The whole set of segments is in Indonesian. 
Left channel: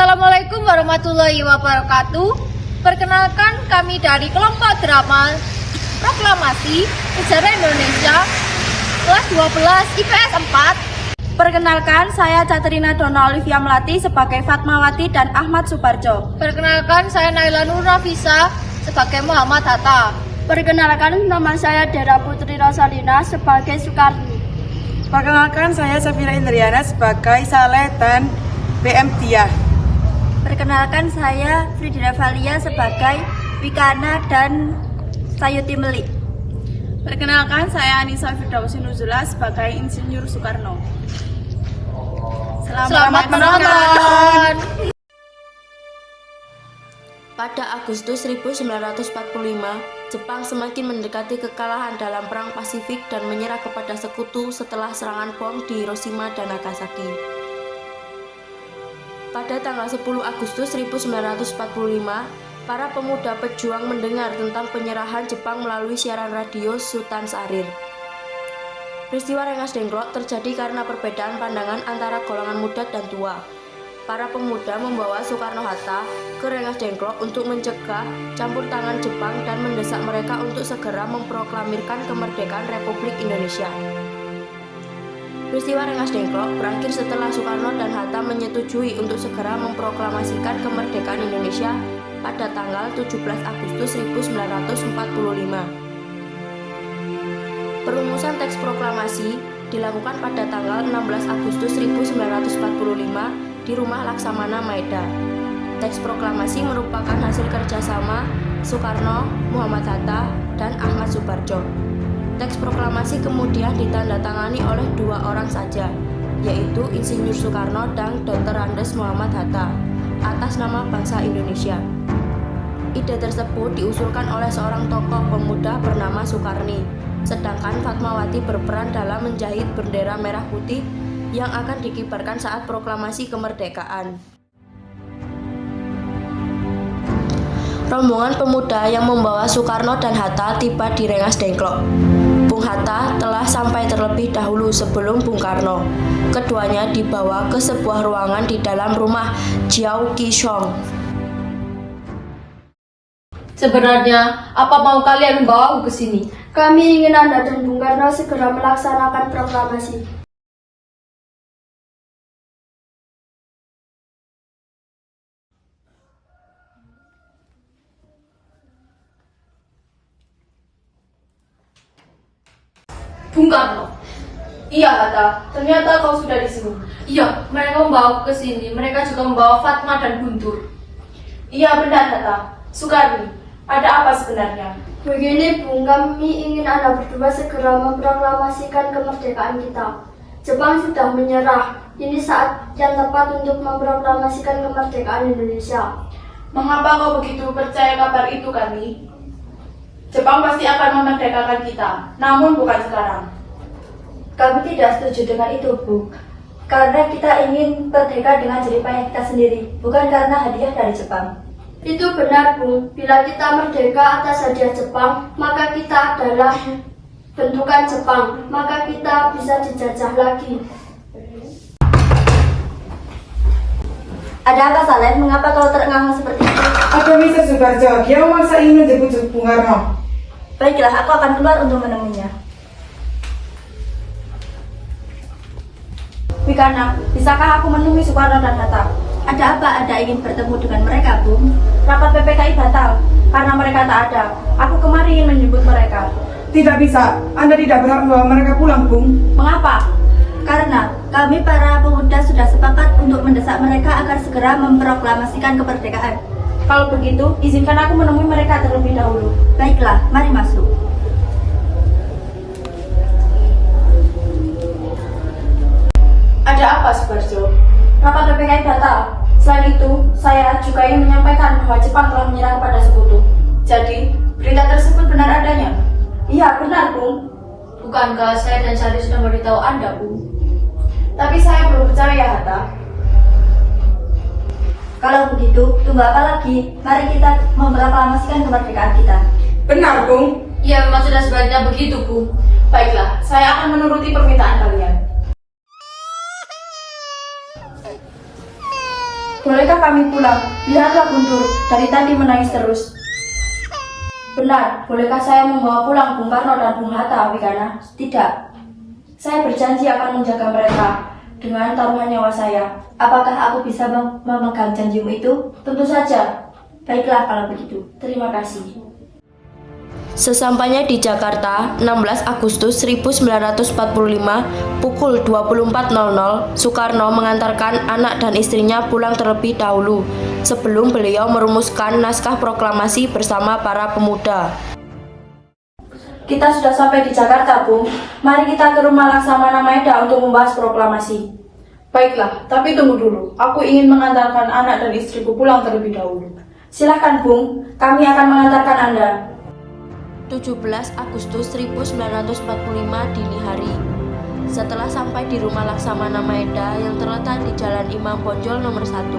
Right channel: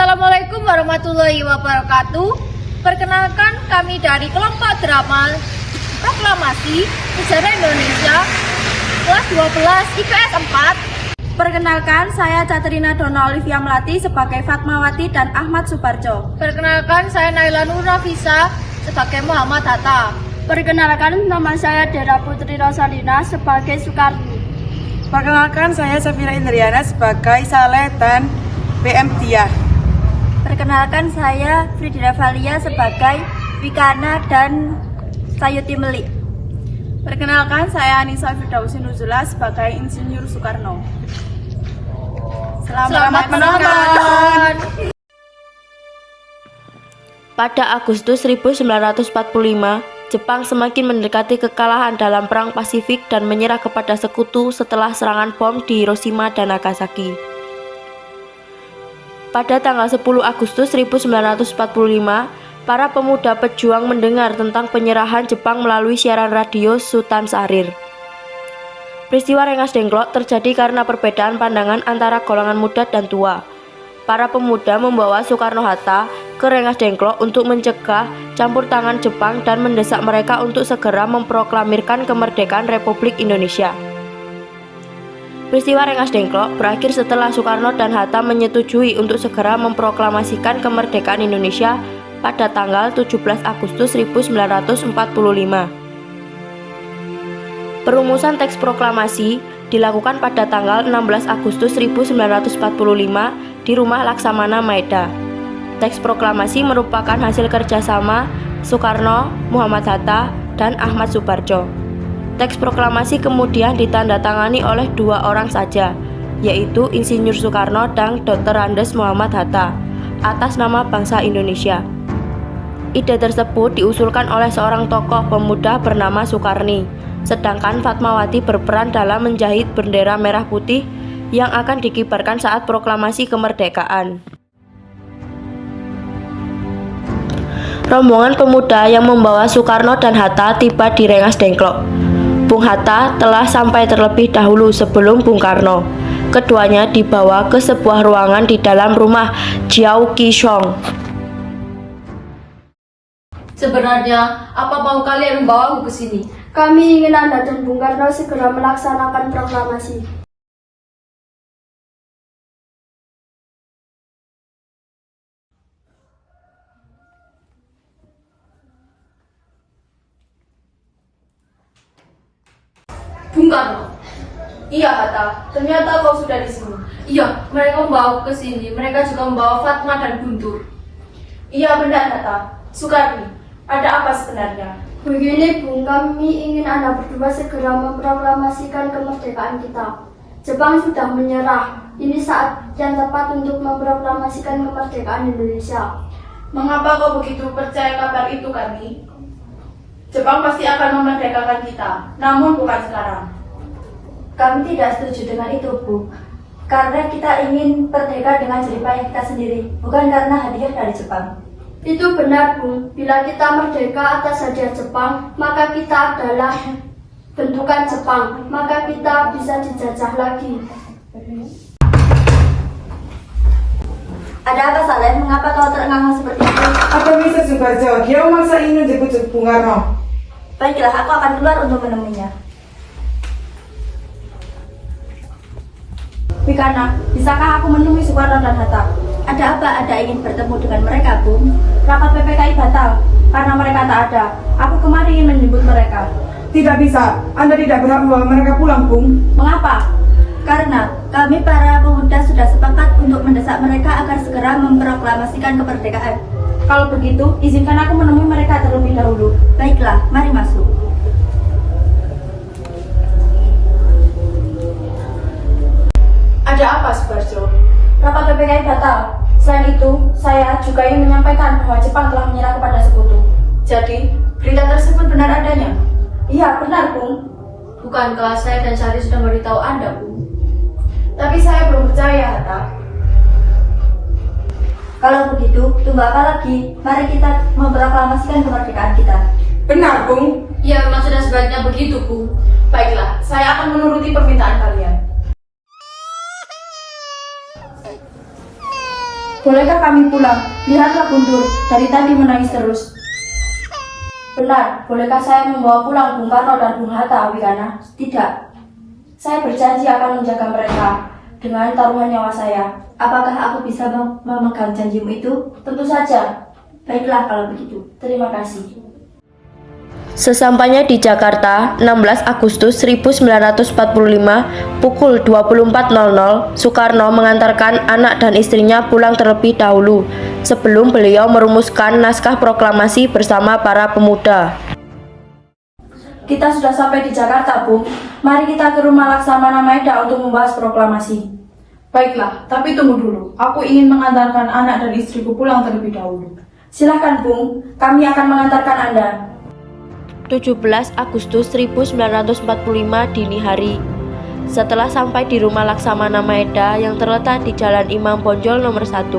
Assalamualaikum warahmatullahi wabarakatuh. Perkenalkan, kami dari kelompok drama Proklamasi Sejarah Indonesia kelas 12 IPS 4. Perkenalkan, saya Caterina Dona Olivia Melati sebagai Fatmawati dan Ahmad Subarjo. Perkenalkan, saya Naila Nur Nafisa sebagai Muhammad Hatta. Perkenalkan, nama saya Dera Putri Rosalina sebagai Soekarni. Perkenalkan, saya Safira Indriana sebagai Saleh dan BM Diah. Perkenalkan, saya Fridina Valia sebagai Wikana dan Sayuti Melik. Perkenalkan, saya Anissa Firdausi Nuzula sebagai Insinyur Soekarno. Selamat menonton. Pada Agustus 1945, Jepang semakin mendekati kekalahan dalam Perang Pasifik dan menyerah kepada sekutu setelah serangan bom di Hiroshima dan Nagasaki. Pada tanggal 10 Agustus 1945, para pemuda pejuang mendengar tentang penyerahan Jepang melalui siaran radio Sultan Syahrir. Peristiwa Rengas Dengklok terjadi karena perbedaan pandangan antara golongan muda dan tua. Para pemuda membawa Soekarno-Hatta ke Rengas Dengklok untuk mencegah campur tangan Jepang dan mendesak mereka untuk segera memproklamirkan kemerdekaan Republik Indonesia. Peristiwa Rengas Dengklok berakhir setelah Soekarno dan Hatta menyetujui untuk segera memproklamasikan kemerdekaan Indonesia pada tanggal 17 Agustus 1945. Perumusan teks proklamasi dilakukan pada tanggal 16 Agustus 1945 di Rumah Laksamana Maeda. Teks proklamasi merupakan hasil kerjasama Soekarno, Muhammad Hatta, dan Ahmad Subarjo. Teks proklamasi kemudian ditandatangani oleh dua orang saja, yaitu Insinyur Soekarno dan Dr. Andes Muhammad Hatta, atas nama bangsa Indonesia. Ide tersebut diusulkan oleh seorang tokoh pemuda bernama Soekarni, sedangkan Fatmawati berperan dalam menjahit bendera merah putih yang akan dikibarkan saat proklamasi kemerdekaan. Rombongan pemuda yang membawa Soekarno dan Hatta tiba di Rengas Dengklok. Bung Hatta telah sampai terlebih dahulu sebelum Bung Karno. Keduanya dibawa ke sebuah ruangan di dalam rumah Jiao Qishong. Sebenarnya, apa mau kalian membawa aku ke sini? Kami ingin Anda dan Bung Karno segera melaksanakan proklamasi. Bung Karno. Iya, Hatta. Ternyata kau sudah di sini. Iya, mereka membawa aku ke sini. Mereka juga membawa Fatma dan Guntur. Iya, benar, Hatta. Soekarni, ada apa sebenarnya? Begini, Bung, kami ingin Anda berdua segera memproklamasikan kemerdekaan kita. Jepang sudah menyerah. Ini saat yang tepat untuk memproklamasikan kemerdekaan Indonesia. Mengapa kau begitu percaya kabar itu, Karni? Jepang pasti akan memerdekakan kita, namun bukan sekarang. Kami tidak setuju dengan itu, Bu. Karena kita ingin merdeka dengan jeripaya kita sendiri, bukan karena hadiah dari Jepang. Itu benar, Bu. Bila kita merdeka atas hadiah Jepang, maka kita adalah bentukan Jepang, maka kita bisa dijajah lagi. Ada apa, Saleh? Mengapa kau terengah seperti itu? Apa bisa Subarjo? Dia memaksa ingin menjemput Bung Karno. Baiklah, aku akan keluar untuk menemuinya. Wikana, bisakah aku menemui Soekarno dan Hatta? Ada apa Anda ingin bertemu dengan mereka, Bung? Rapat PPKI batal karena mereka tak ada. Aku kemarin ingin menjemput mereka. Tidak bisa, Anda tidak berhak membawa mereka pulang, Bung. Mengapa? Karena kami para pemuda sudah sepakat untuk mendesak mereka agar segera memproklamasikan kemerdekaan. Kalau begitu, izinkan aku menemui mereka terlebih dahulu. Baiklah, mari masuk. Ada apa, Subarjo? Rapat PPKI batal. Selain itu, saya juga ingin menyampaikan bahwa Jepang telah menyerah kepada sekutu. Jadi, berita tersebut benar adanya? Iya, benar, Bung. Bukankah saya dan Syahrir sudah memberitahu Anda, Bu? Tapi saya belum percaya, Hatta. Kalau begitu, tunggu apa lagi? Mari kita memproklamasikan kemerdekaan kita. Benar, Bung. Ya, memang sudah sebaiknya begitu, Bu. Baiklah, saya akan menuruti permintaan kalian. Bolehkah kami pulang? Lihatlah Guntur, dari tadi menangis terus. Benar, bolehkah saya membawa pulang Bung Karno dan Bung Hatta, Wigana? Tidak. Saya berjanji akan menjaga mereka dengan taruhan nyawa saya. Apakah aku bisa memegang janjimu itu? Tentu saja. Baiklah kalau begitu. Terima kasih. Sesampainya di Jakarta, 16 Agustus 1945, pukul 24.00, Soekarno mengantarkan anak dan istrinya pulang terlebih dahulu, sebelum beliau merumuskan naskah proklamasi bersama para pemuda. Kita sudah sampai di Jakarta, Bung. Mari kita ke rumah Laksamana Maeda untuk membahas proklamasi. Baiklah, tapi tunggu dulu. Aku ingin mengantarkan anak dan istriku pulang terlebih dahulu. Silakan, Bung. Kami akan mengantarkan Anda. 17 Agustus 1945 dini hari. Setelah sampai di rumah Laksamana Maeda yang terletak di Jalan Imam Bonjol nomor 1,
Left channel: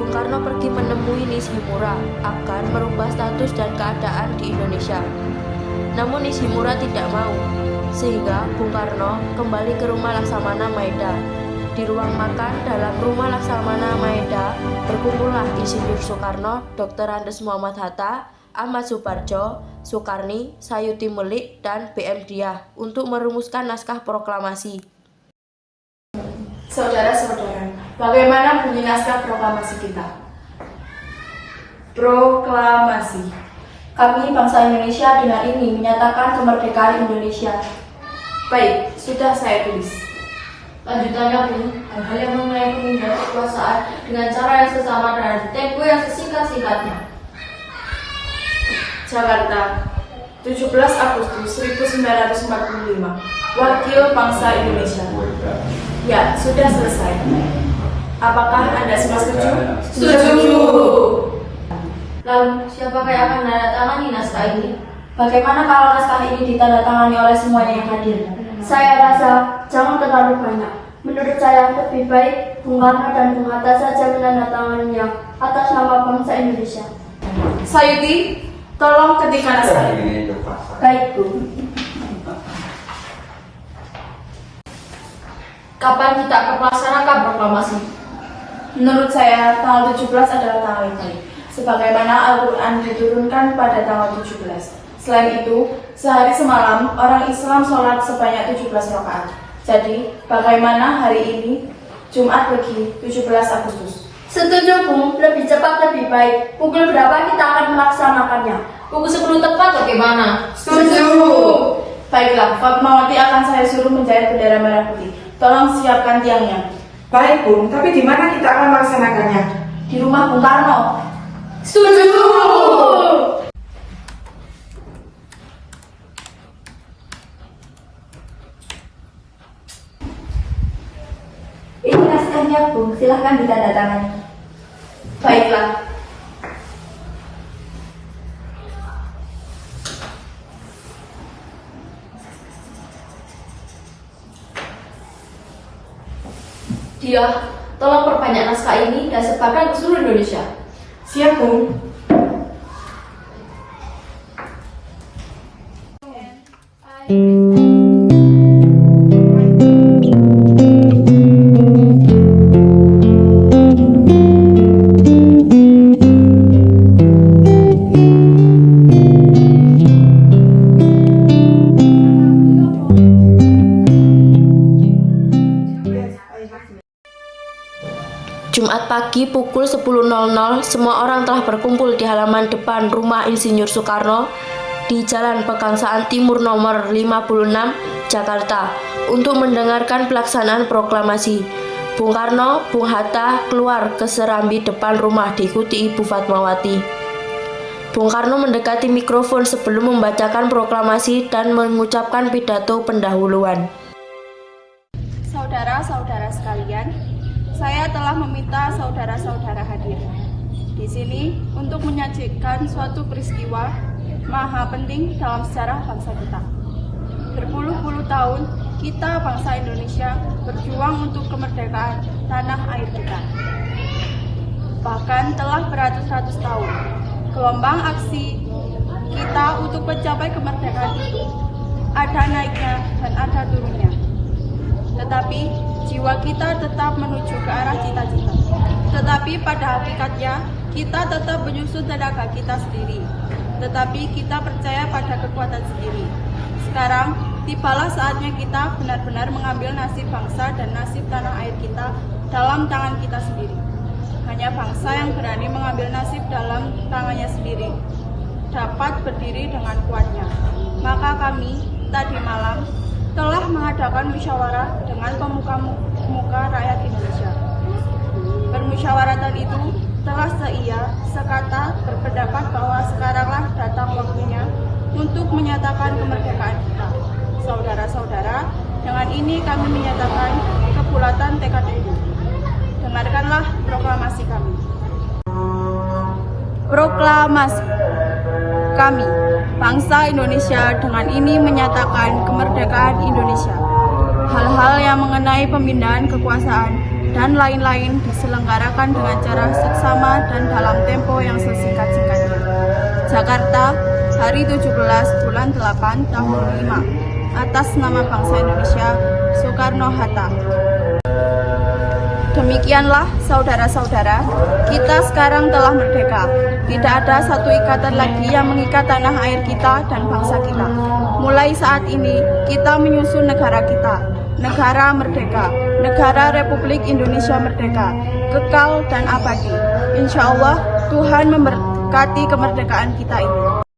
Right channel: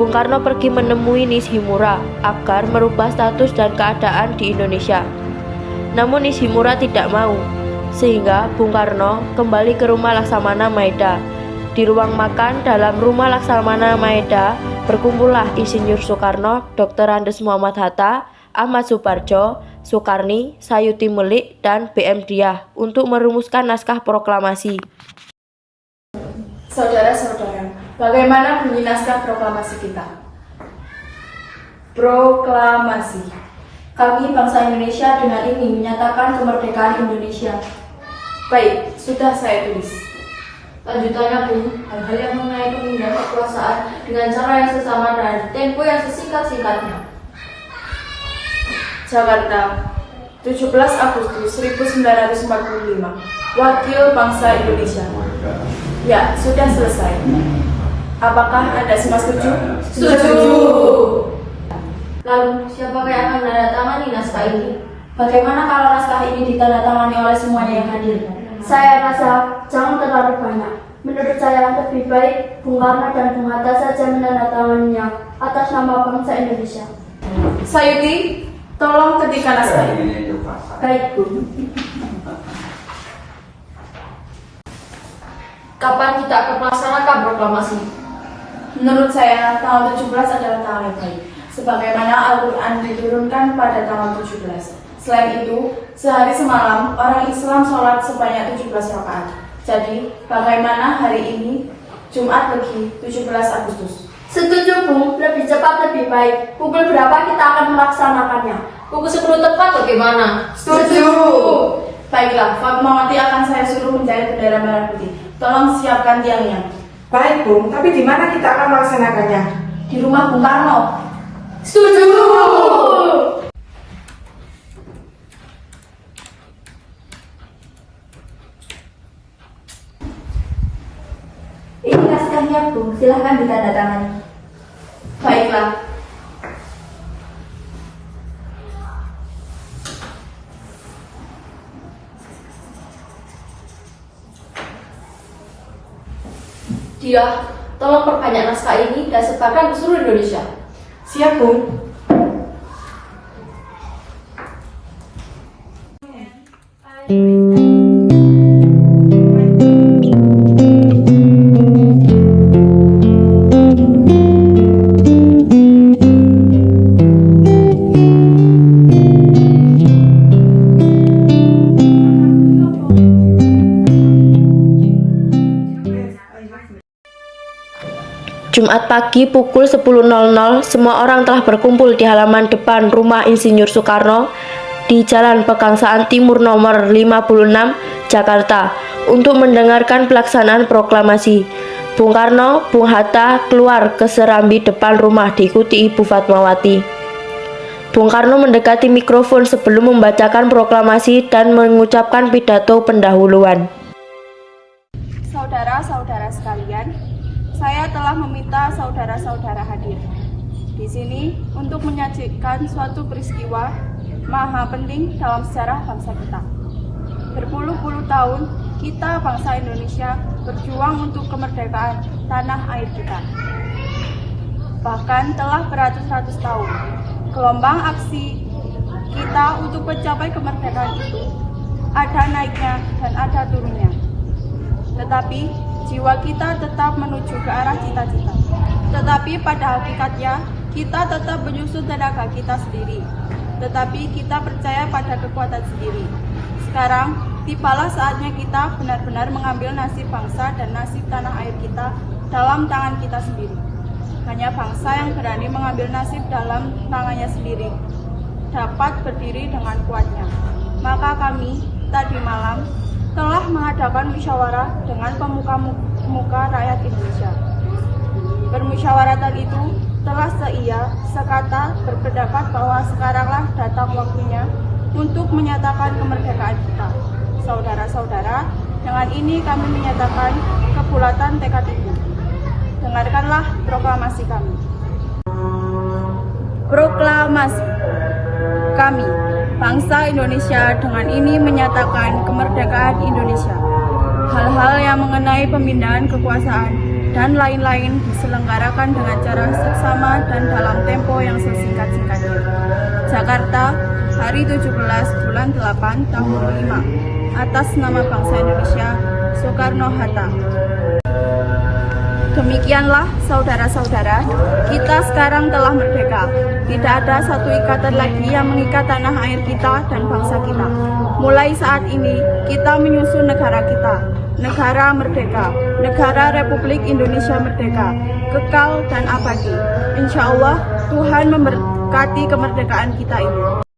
Bung Karno pergi menemui Nishimura agar merubah status dan keadaan di Indonesia. Namun Nishimura tidak mau, sehingga Bung Karno kembali ke rumah Laksamana Maeda. Di ruang makan dalam rumah Laksamana Maeda berkumpullah Insinyur Soekarno, Dr. Andes Muhammad Hatta, Ahmad Suparjo, Soekarni, Sayuti Melik, dan BM Diah untuk merumuskan naskah proklamasi. Saudara-saudara, bagaimana bunyi naskah proklamasi kita? Proklamasi. Kami bangsa Indonesia dengan ini menyatakan kemerdekaan Indonesia. Baik, sudah saya tulis. Lanjutannya pun, hal-hal yang mengenai pemindahan kekuasaan dengan cara yang sesama dan tempo yang sesingkat-singkatnya. Jakarta, 17 Agustus 1945, Wakil Bangsa Indonesia. Ya, sudah selesai. Apakah Anda semua setuju? Setuju! Lalu, siapa yang akan menandatangani naskah ini? Bagaimana kalau naskah ini ditandatangani oleh semuanya yang hadir? Saya rasa jangan terlalu banyak. Menurut saya lebih baik Bung Karno dan Bung Hatta saja menandatanganinya atas nama bangsa Indonesia. Sayuti, tolong ketikkan naskah ini. Baik, Bu. Kapan kita akan melaksanakan proklamasi? Menurut saya, tanggal 17 adalah tanggal yang baik, sebagaimana Al-Quran diturunkan pada tanggal 17. Selain itu, sehari semalam orang Islam sholat sebanyak 17 rakaat. Jadi, bagaimana hari ini, Jumat Legi, 17 Agustus? Setuju, Bung. Lebih cepat lebih baik. Pukul berapa kita akan melaksanakannya? Pukul 10 tepat bagaimana? Setuju. Baiklah, Fatmawati akan saya suruh menjahit bendera merah putih. Tolong siapkan tiangnya. Baik, Bung, tapi di mana kita akan melaksanakannya? Di rumah Bung Karno. Setuju! Ini naskahnya, Bung. Silahkan ditandatangani. Baiklah. Dia, tolong perbanyak naskah ini dan sebarkan ke seluruh Indonesia. Siap, Bung. Jumat pagi pukul 10.00, semua orang telah berkumpul di halaman depan rumah Insinyur Soekarno di Jalan Pegangsaan Timur nomor 56, Jakarta, untuk mendengarkan pelaksanaan proklamasi. Bung Karno, Bung Hatta keluar ke serambi depan rumah diikuti Ibu Fatmawati. Bung Karno mendekati mikrofon sebelum membacakan proklamasi dan mengucapkan pidato pendahuluan. Saudara-saudara sekalian, saya telah meminta saudara-saudara hadir di sini untuk menyajikan suatu peristiwa maha penting dalam sejarah bangsa kita. Berpuluh-puluh tahun kita bangsa Indonesia berjuang untuk kemerdekaan tanah air kita. Bahkan telah beratus-ratus tahun gelombang aksi kita untuk mencapai kemerdekaan itu ada naiknya dan ada turunnya. Tetapi jiwa kita tetap menuju ke arah cita-cita. Tetapi pada hakikatnya, kita tetap menyusun tenaga kita sendiri. Tetapi kita percaya pada kekuatan sendiri. Sekarang, tibalah saatnya kita benar-benar mengambil nasib bangsa dan nasib tanah air kita dalam tangan kita sendiri. Hanya bangsa yang berani mengambil nasib dalam tangannya sendiri dapat berdiri dengan kuatnya. Maka kami tadi malam telah mengadakan musyawarah dengan pemuka-pemuka rakyat Indonesia. Permusyawaratan itu telah sekata berpendapat bahwa sekaranglah datang waktunya untuk menyatakan kemerdekaan kita. Saudara-saudara, dengan ini kami menyatakan kebulatan tekad itu. Dengarkanlah proklamasi kami. Proklamasi. Kami, bangsa Indonesia, dengan ini menyatakan kemerdekaan Indonesia. Hal-hal yang mengenai pemindahan kekuasaan dan lain-lain diselenggarakan dengan cara seksama dan dalam tempo yang sesingkat-singkatnya. Jakarta, hari 17 bulan 8 tahun 5. Atas nama bangsa Indonesia, Soekarno-Hatta. Demikianlah saudara-saudara, kita sekarang telah merdeka. Tidak ada satu ikatan lagi yang mengikat tanah air kita dan bangsa kita. Mulai saat ini, kita menyusun negara kita. Negara merdeka, negara Republik Indonesia merdeka, kekal dan abadi. Insya Allah, Tuhan memberkati kemerdekaan kita ini.